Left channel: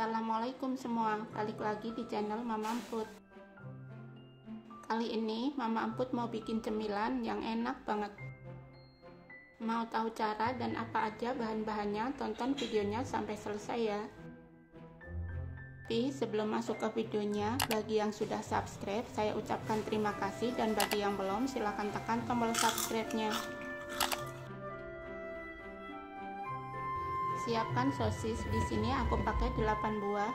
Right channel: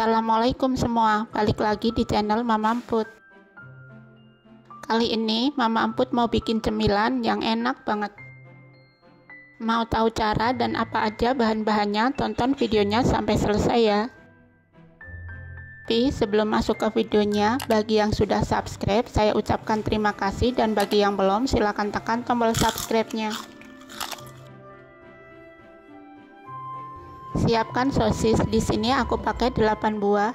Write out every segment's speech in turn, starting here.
Assalamualaikum semua, balik lagi di channel Mama Emput. Kali ini Mama Emput mau bikin cemilan yang enak banget. Mau tahu cara dan apa aja bahan-bahannya, tonton videonya sampai selesai ya. Tapi sebelum masuk ke videonya, bagi yang sudah subscribe saya ucapkan terima kasih, dan bagi yang belum silahkan tekan tombol subscribe-nya. Siapkan sosis. Di sini aku pakai 8 buah.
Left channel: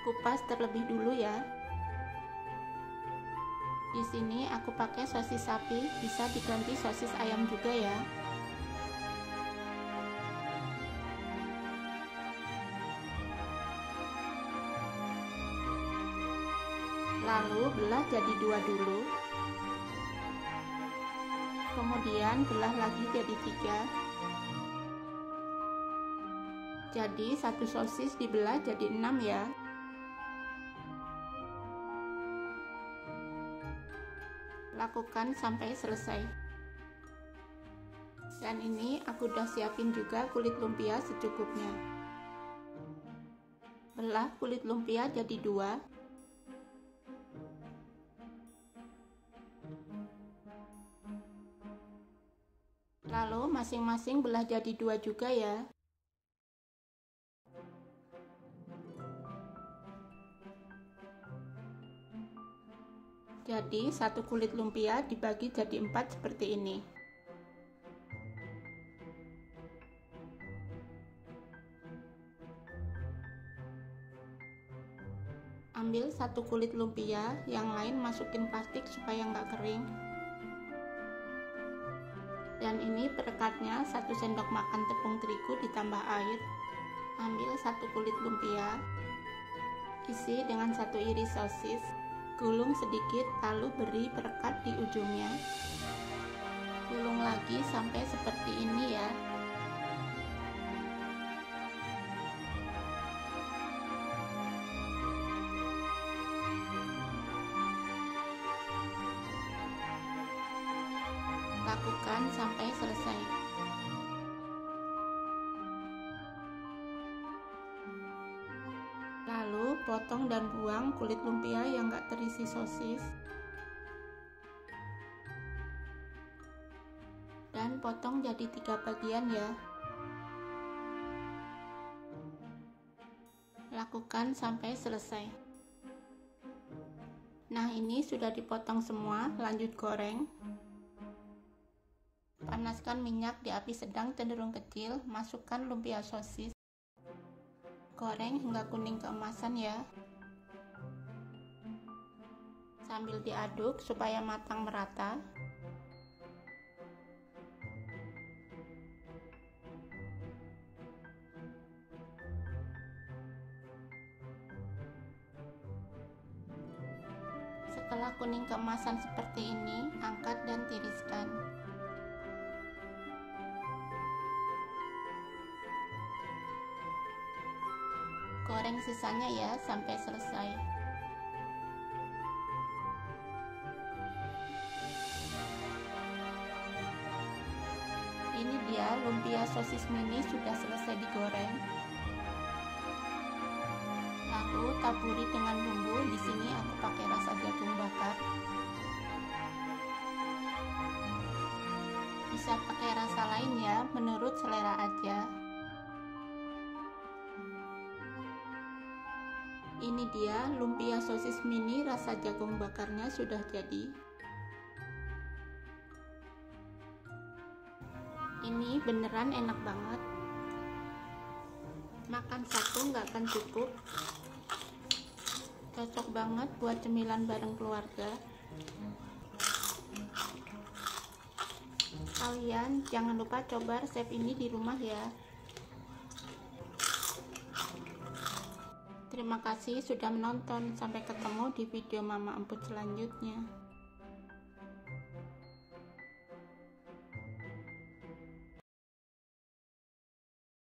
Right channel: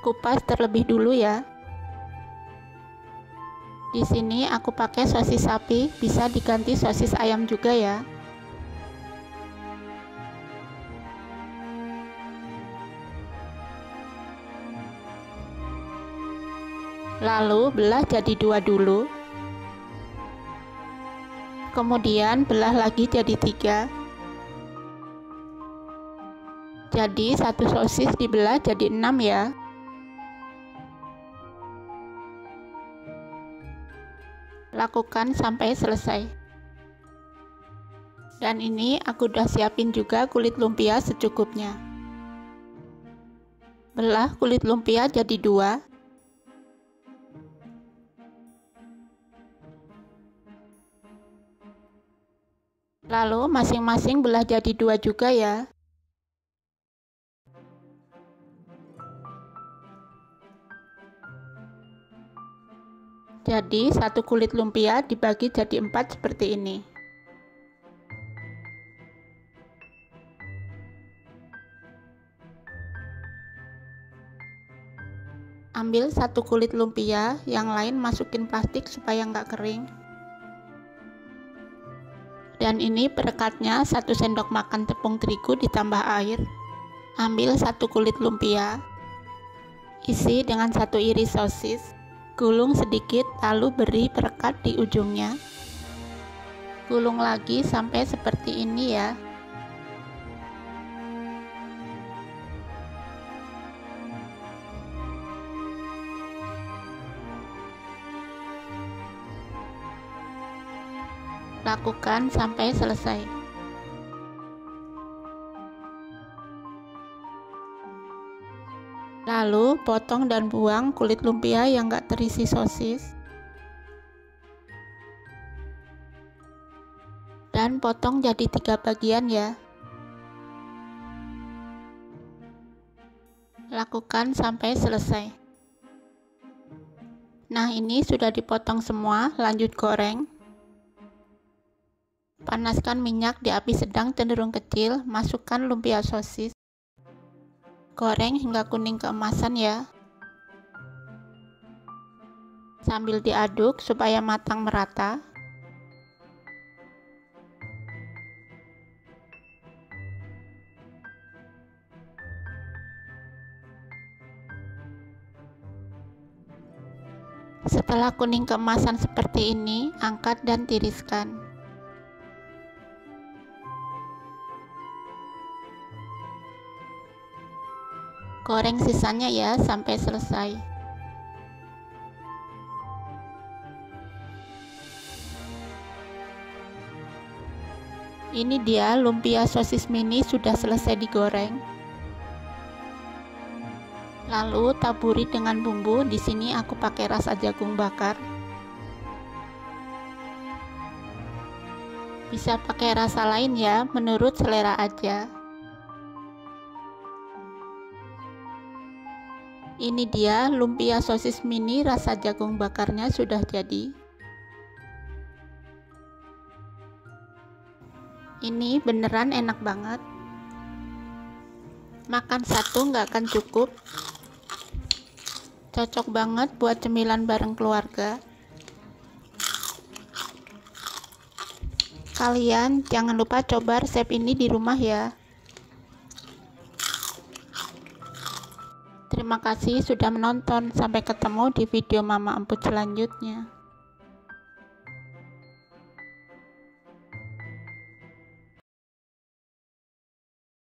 Kupas terlebih dulu ya. Di sini aku pakai sosis sapi, bisa diganti sosis ayam juga ya. Lalu belah jadi 2 dulu. Kemudian belah lagi jadi 3. Jadi satu sosis dibelah jadi 6 ya. Lakukan sampai selesai. Dan ini aku udah siapin juga kulit lumpia secukupnya. Belah kulit lumpia jadi 2. Lalu masing-masing belah jadi 2 juga ya. Jadi satu kulit lumpia dibagi jadi 4 seperti ini. Ambil satu kulit lumpia, yang lain masukin plastik supaya nggak kering. Dan ini perekatnya 1 sendok makan tepung terigu ditambah air. Ambil satu kulit lumpia, isi dengan 1 iris sosis. Gulung sedikit, lalu beri perekat di ujungnya. Gulung lagi sampai seperti ini ya. Lakukan sampai selesai. Lalu potong dan buang kulit lumpia yang gak terisi sosis. Dan potong jadi 3 bagian ya. Lakukan sampai selesai. Nah, ini sudah dipotong semua, lanjut goreng. Panaskan minyak di api sedang cenderung kecil, masukkan lumpia sosis. Goreng hingga kuning keemasan ya. Sambil diaduk supaya matang merata. Setelah kuning keemasan seperti ini, angkat dan tiriskan. Goreng sisanya ya sampai selesai. Ini dia lumpia sosis mini sudah selesai digoreng. Lalu taburi dengan bumbu. Di sini aku pakai rasa jagung bakar. Bisa pakai rasa lain ya, menurut selera aja. Ini dia lumpia sosis mini rasa jagung bakarnya sudah jadi. Ini beneran enak banget. Makan satu nggak akan cukup. Cocok banget buat cemilan bareng keluarga. Kalian jangan lupa coba resep ini di rumah ya. Terima kasih sudah menonton. Sampai ketemu di video Mama Emput selanjutnya.